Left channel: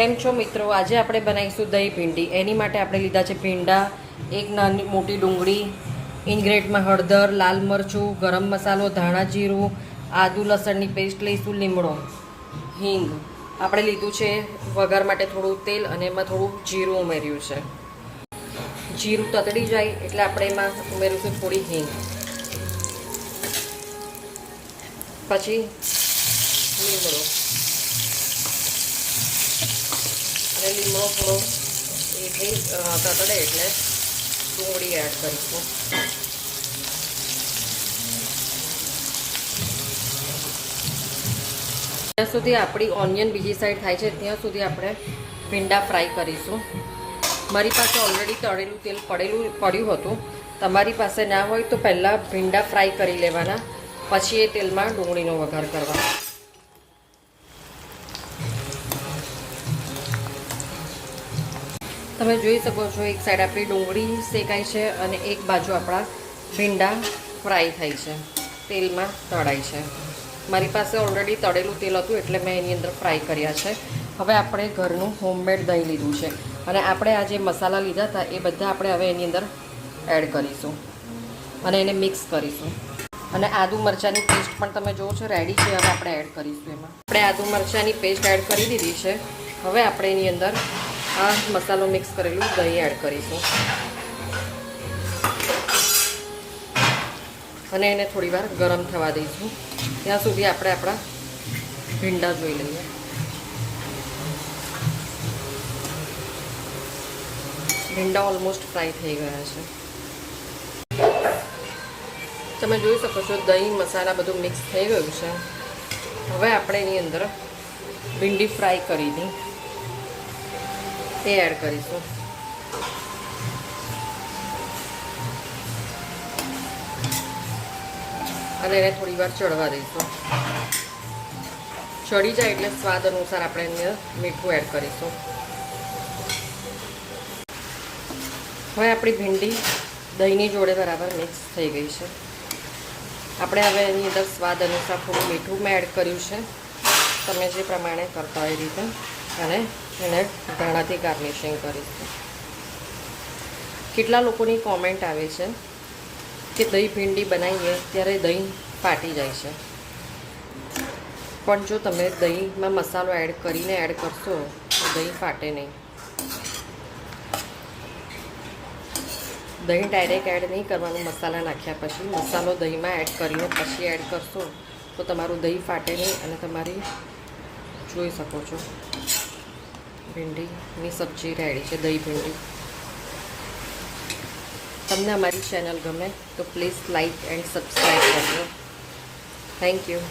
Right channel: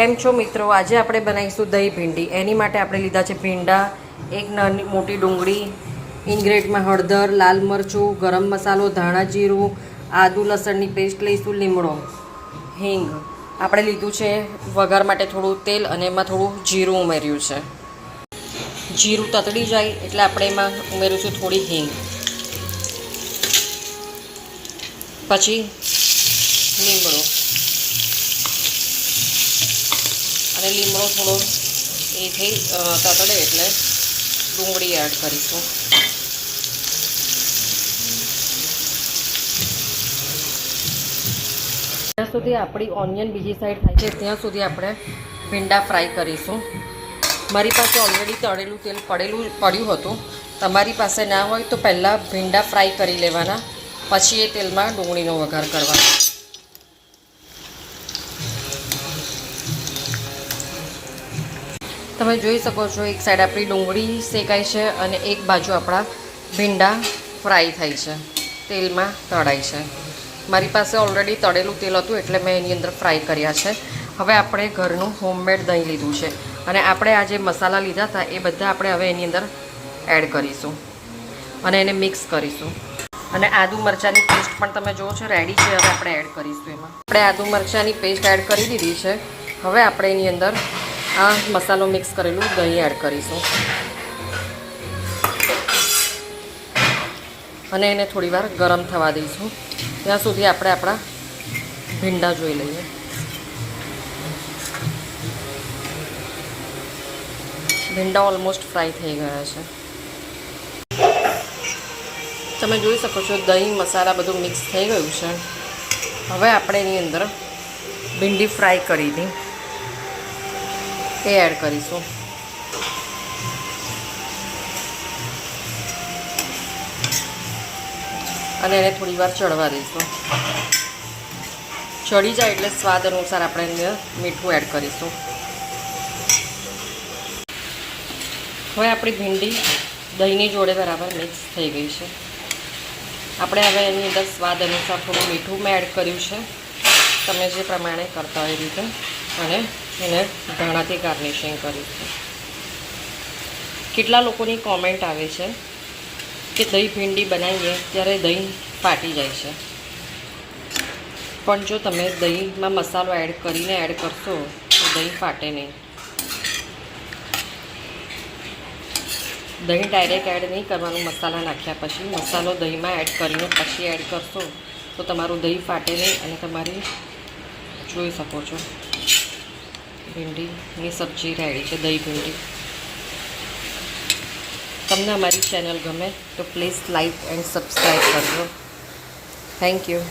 કેમ છો મિત્રો? આજે આપણે બનાવીશું દહીં ભીંડી. એની માટે આપણે લીધા છે ભીંડા, એક નાની મોટી ડુંગળી, ઇન્ગ્રેડિયન્ટમાં હળદર, લાલ મરચું, ગરમ મસાલો, ધાણા જીરું, આદુ લસણની પેસ્ટ લઈશું, લીમડો, હિંગ. આપણે લીધું છે વઘાર માટે થોડું તેલ અને એમાં થોડું જીરું ઉમેર્યું છે. જીરું તતડી જાય એટલે આપણે એમાં ઉમેરીશું થોડી હિંગ, પછી લીમડો, અને લીમડો થોડો એ થઈ તતડે એટલે ડુંગળી એડ કરીશું. જ્યાં સુધી આપણી ઓનિયન બીજી સાઈડ થાય છે ત્યાં સુધી આપણે ભીંડા ફ્રાય કરીશું. મારી પાસે ઓલરેડી તળેલું તેલ પડ્યું હતું. તમારી પાસે ના હોય તો પહેલાં ભીંડા ફ્રાય કરી લેવાના, પછી એ તેલમાં ડુંગળીનો વઘાર કરવાનો. તમે જોઈ શકો છો એક સાઈડ આપણી ડુંગળી શેકાય છે અને એક બાજુ આપણા ભીંડા ફ્રાય થાય છે, તેલમાં તળાય છે. મારી પાસે ઓલરેડી તળેલું તેલ હતું એટલે મેં એની અંદર ફ્રાય કર્યા છે. હવે આપણે ઘરનું હોમમેડ દહીં લીધું છે અને આપણે આ જે મસાલા લીધા હતા એ બધા આપણે હવે એની અંદર એડ કરીશું અને એને મિક્સ કરીશું. અને આદુ મરચાંની પેસ્ટ પણ તમે જુઓ છો રેડી છે. હવે આપણે એડ કરીશું એમાં. આપણે આદુ મરચાંની પેસ્ટ એડ કરી દીધી છે. હવે આપણે એની અંદર આ મસાલો મિક્સ કરેલું દહીં એડ કરીશું અને એને થોડીવાર ગરમ થવા દઈશું. ત્યાં સુધી આપણે આપણા ભીંડા જોઈ લઈએ. ભીંડા ઓલમોસ્ટ ફ્રાય થઈ ગયા છે. તમે જોઈ શકો છો દહીં મસાલા બધું મિક્સ થઈ ગયું છે. હવે આપણે એની અંદર ભીંડી ફ્રાય કરી હતી એ એડ કરીશું. અને એને થોડી વાર ચડવા દઈશું. ચડી જાય એટલે સ્વાદ અનુસાર આપણે એને મીઠું એડ કરીશું. હવે આપણી ભીંડી દહીંની જોડે બરાબર મિક્સ થઈ ગઈ છે. આપણે હવે એની અંદર સ્વાદ અનુસાર થોડું મીઠું મેં એડ કર્યું છે, તમે જે પ્રમાણે કરતા હોય એ રીતે, અને એને ધાણાથી ગાર્નિશિંગ કરીશું. કેટલા લોકોની કોમેન્ટ આવે છે કે દહીં ભીંડી બનાવીએ ત્યારે દહીં ફાટી જાય છે, પણ જો તમે દહીંમાં મસાલો એડ કરીને એડ કરશો તો દહીં ફાટે નહીં. દહીં ડાયરેક્ટ એડ નહીં કરવાનું મસાલા નાખ્યા પછી. મસાલો દહીંમાં એડ કરીને પછી એડ કરશો તો તમારું દહીં ફાટે નહીં. અને તમારી જોઈ શકો છો ભીંડીની સબ્જી રેડી છે, દહીં ભીંડી. તમને અમારી ચેનલ ગમે તો પ્લીઝ લાઇક એન્ડ સબસ્ક્રાઈબ કરજો. Thank you.